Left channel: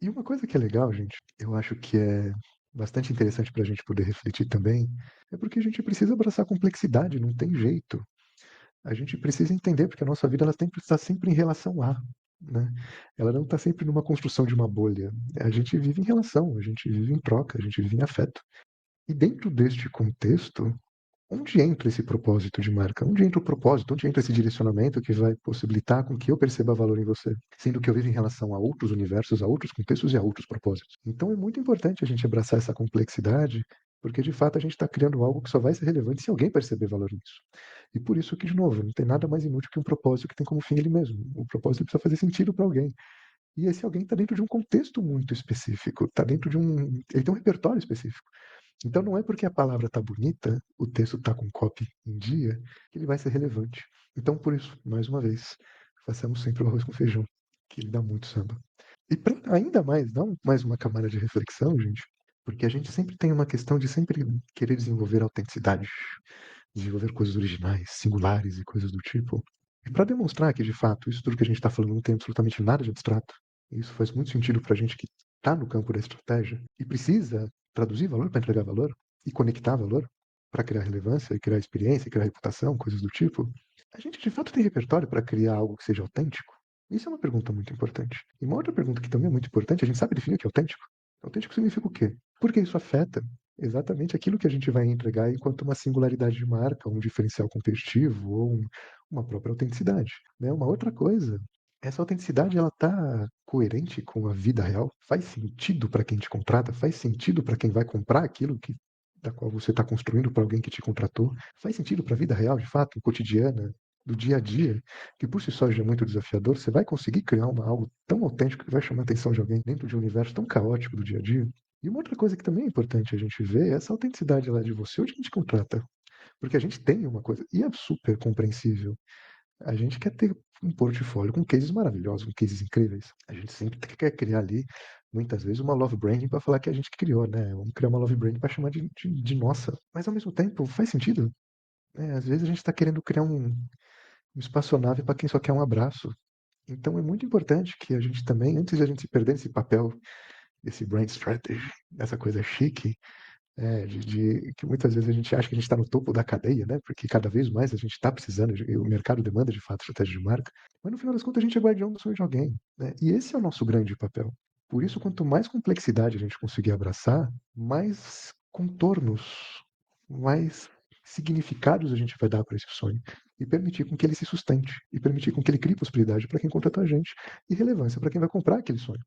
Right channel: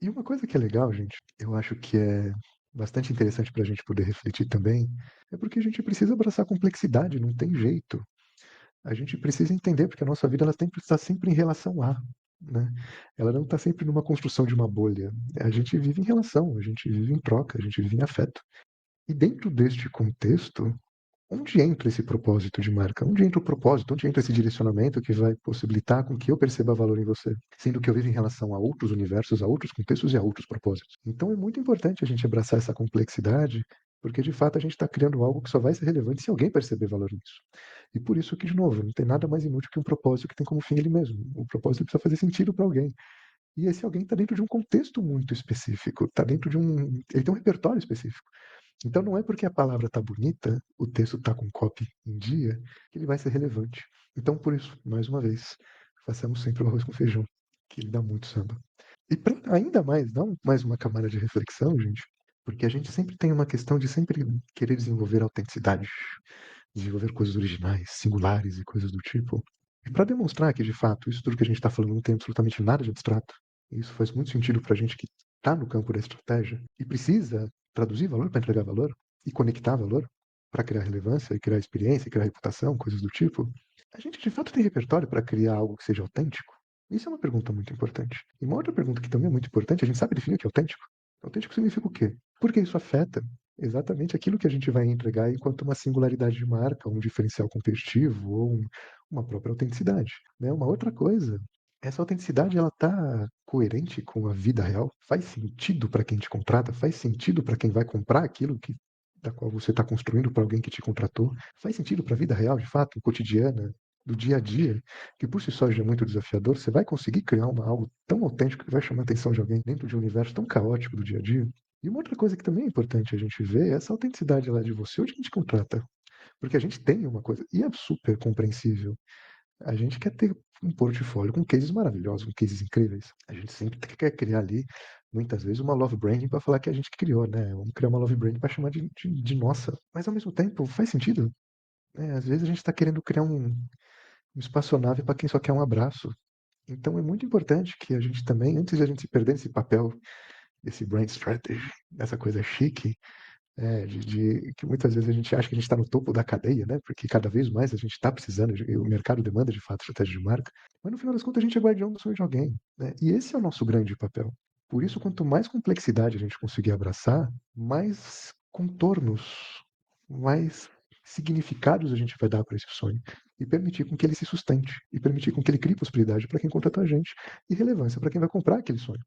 E uma coisa que é legal, gente, eu acho que é bastante interessante para a gente poder refletir também, é porque a gente precisa abraçar a complexidade, não tem jeito. A gente precisa entender porque a nossa vida ela tem que estar sempre em relação a, né? Ela não está sempre numa construção de uma bolha. A gente vive em relação, a gente vive em troca, a gente vive em afeto. E dentro deste contexto, onde entra esse propósito de marca? Onde entra o propósito? Onde entra esse direcionamento que vai possibilitar com que eu perceba valor em você? Sendo que eu vivo em relação a outros universos, a outros contextos e a outros propósitos. Então é muito importante a gente abraçar essa complexidade, porque de fato a gente está criando algo que só vai ser relevante se alguém perceber valor nisso. E por isso que, de novo, não tem nada mais inútil que um propósito que tem como fim ele mesmo. O propósito precisa fazer sentido para alguém. E esse alguém está dentro de um contexto muito específico, está dentro de um. Ele tem um repertório específico. Então não é porque a palavra está bonita, o texto está com copy em dia, que ele vai ser relevante. Então, por isso, mais uma vez, façamos sempre o arroz com feijão, que ele dá muito samba. E pra ainda mais, dá mais uma camada de reflexão, gente, porque a gente sempre tem uma questão de sempre querer desenvolver autenticidade, desenvolver coisas originais, singulares e coisas do tipo. E para demonstrar que, de fato, isso tudo que a gente está falando não tem absolutamente nada de abstrato, isso faz muito sentido para a gente que está no campo da estratégia e precisa traduzir valor para entregar valor e conectar valor para criar relevância, criar experiência, criar reputação, coisas do tipo. A gente, de fato, tem repertório para criar algo que seja autêntico? Isso é uma pergunta muito importante. E uma outra pergunta que também é muito importante, a gente sabe definir o que é autêntico? Autêntico significa o quê? Porque isso afeta exatamente aquilo que a gente vai entregar enquanto uma singularidade de marca, um diferencial competitivo, uma própria autenticidade. Né? Uma outra coisa, essa autenticidade ela está coerente com a vida real? Faz sentido para quem te contrata? Faz sentido para quem vai comprar aquilo que da qual você está construindo para alguém que te contratou? Faz sentido para a vida real, de fato, cotidiana, do dia a dia, que por si só já é muito desafiador? Você vai conseguir criar algo tão autêntico que vai chamar a atenção de alguém dentro de um universo tão caótico do dia a dia? E uma outra coisa que também é importante a gente ver é essa autenticidade lá de você, onde a gente completa. Porque a gente tem uma coisa, e é super compreensível. A gente quer ter um portfólio com cases maravilhosos, com cases incríveis. A gente sempre quer criar ali, muitas vezes, uma love branding para falar que a gente criou, né? Vamos criar uma love branding para chamar de nossa. Mas ao mesmo tempo, faz sentido. Às vezes a gente está querendo criar um espaçonave para quem só quer um abraço. Então é muito importante que a gente também, antes de a gente se perder nesse papel, desse brand strategy, dessa coisa chique, que muitas vezes a gente acha que a gente está no topo da cadeia, né? Porque cada vez mais a gente está precisando, o mercado demanda de fato estratégia de marca, mas no final das contas a gente é guardião do sonho de alguém, né? E esse é o nosso grande papel. Por isso, quanto mais complexidade a gente conseguir abraçar, mais contornos, mais significados a gente vai dar para esse sonho e permitir com que ele se sustente, e permitir com que ele crie possibilidade para quem contratar a gente e relevância para quem vai comprar aquele sonho.